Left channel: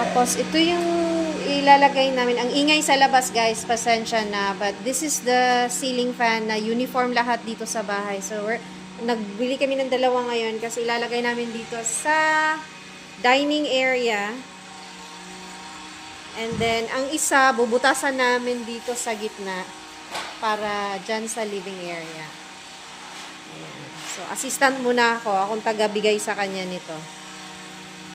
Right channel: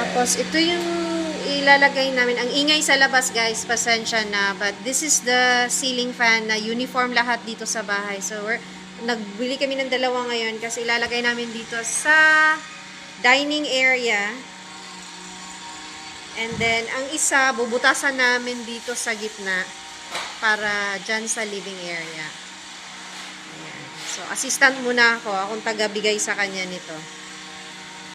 Tapos, ito yung ilalagay namin. Ang ingay sa labas, guys. Pasensya na. But, this is the ceiling fan na uniform lahat dito sa bahay. So, nagbili kami ng dalawa ngayon kasi ilalagay namin dito sa dining area. And then, ang isa, bubutasan namin dito sa gitna para dyan sa living area. Ayan. So, assistant muna ako. Akong taga-bigay sa kanya nito.